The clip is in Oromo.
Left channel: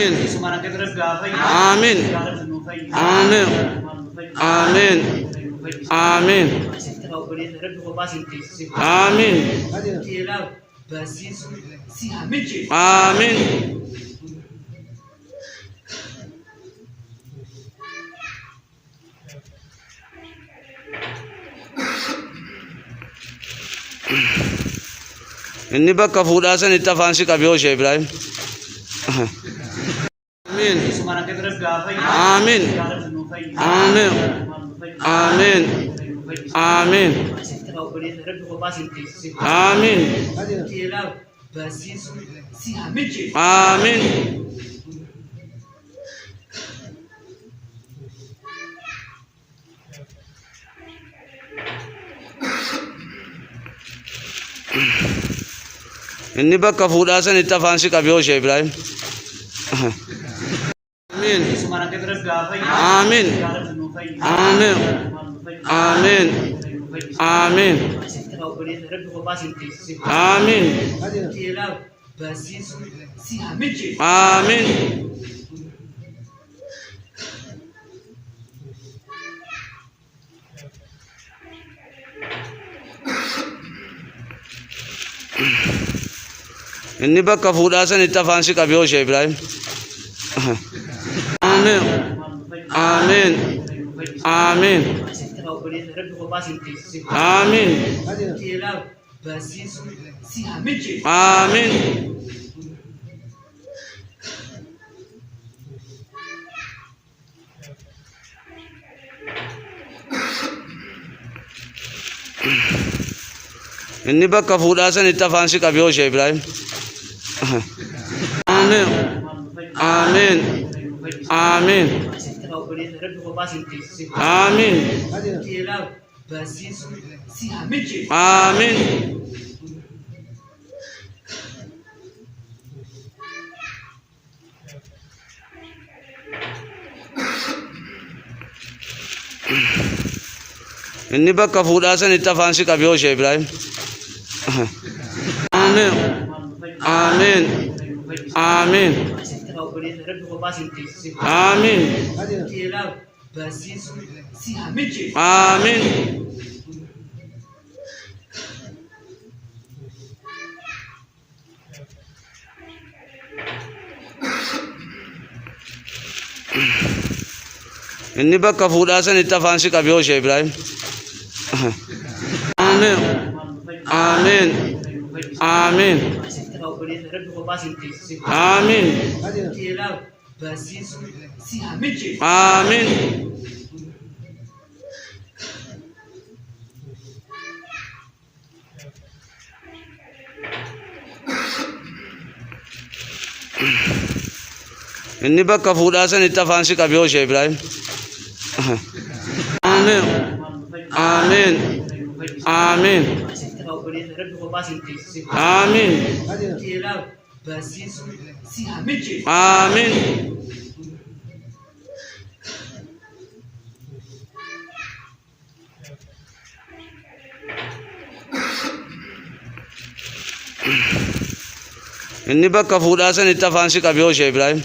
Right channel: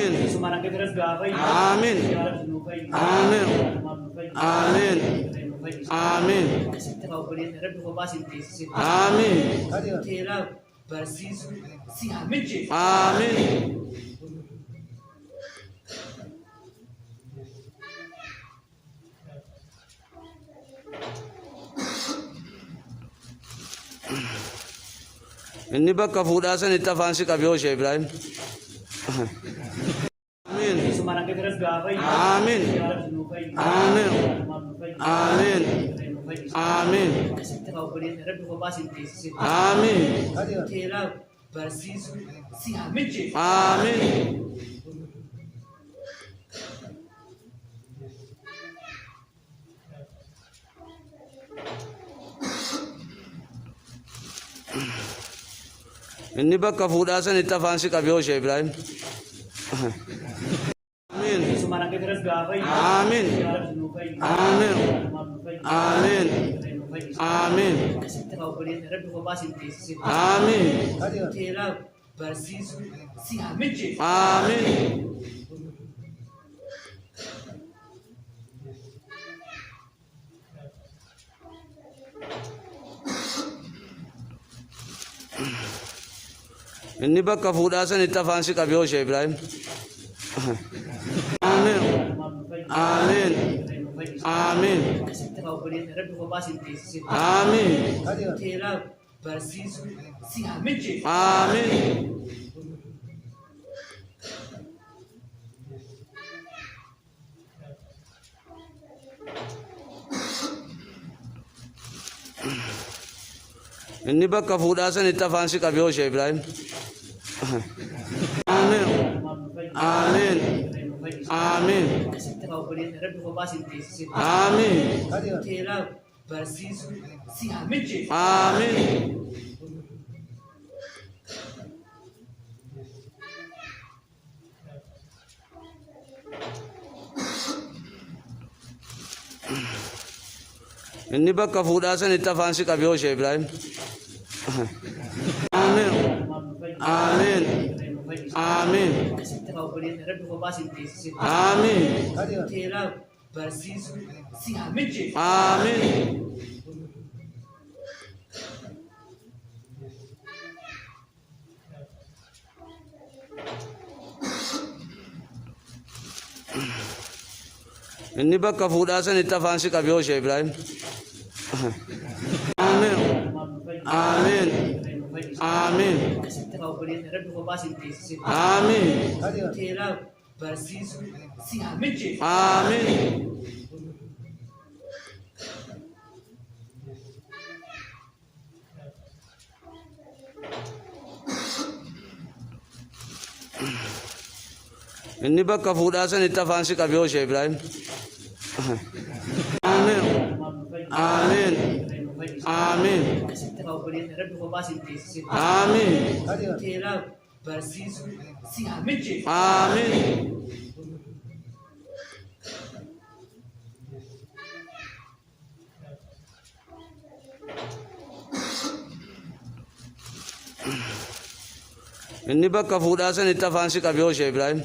Amin. Amin. Amin. Amin. Amin. Amin. Amin. Inni bakka fuudhaa sanitti afaan si qabe hooshe Ibrahim. Amin. Amin. Amin. Amin. Amin. Amin. Amin. Inni bakka fuudhaa sanitti afaan si qabe hooshe Ibrahim. Amin. Amin. Amin. Amin. Amin. Amin. Amin. Inni bakka fuudhaa sanitti afaan si qabe hooshe Ibrahim. Amin. Amin. Amin. Amin. Amin. Inni bakka fuudhaa sanitti afaan si qabe hooshe Ibrahim. Amin. Amin. Amin. Amin. Amin. Inni bakka fuudhaa sanitti afaan si qabe hooshe Ibrahim. Amin. Amin. Amin. Amin. Amin. Inni bakka fuudhaa sanitti afaan si qabe hooshe Ibrahim. Amin. Amin. Amin. Amin. Amin. Inni bakka fuudhaa sanitti afaan si qabe hooshe Ibrahim. Amin. Amin. Amin. Amin. Amin. Inni bakka fuudhaa sanitti afaan si qabe hooshe Ibrahim.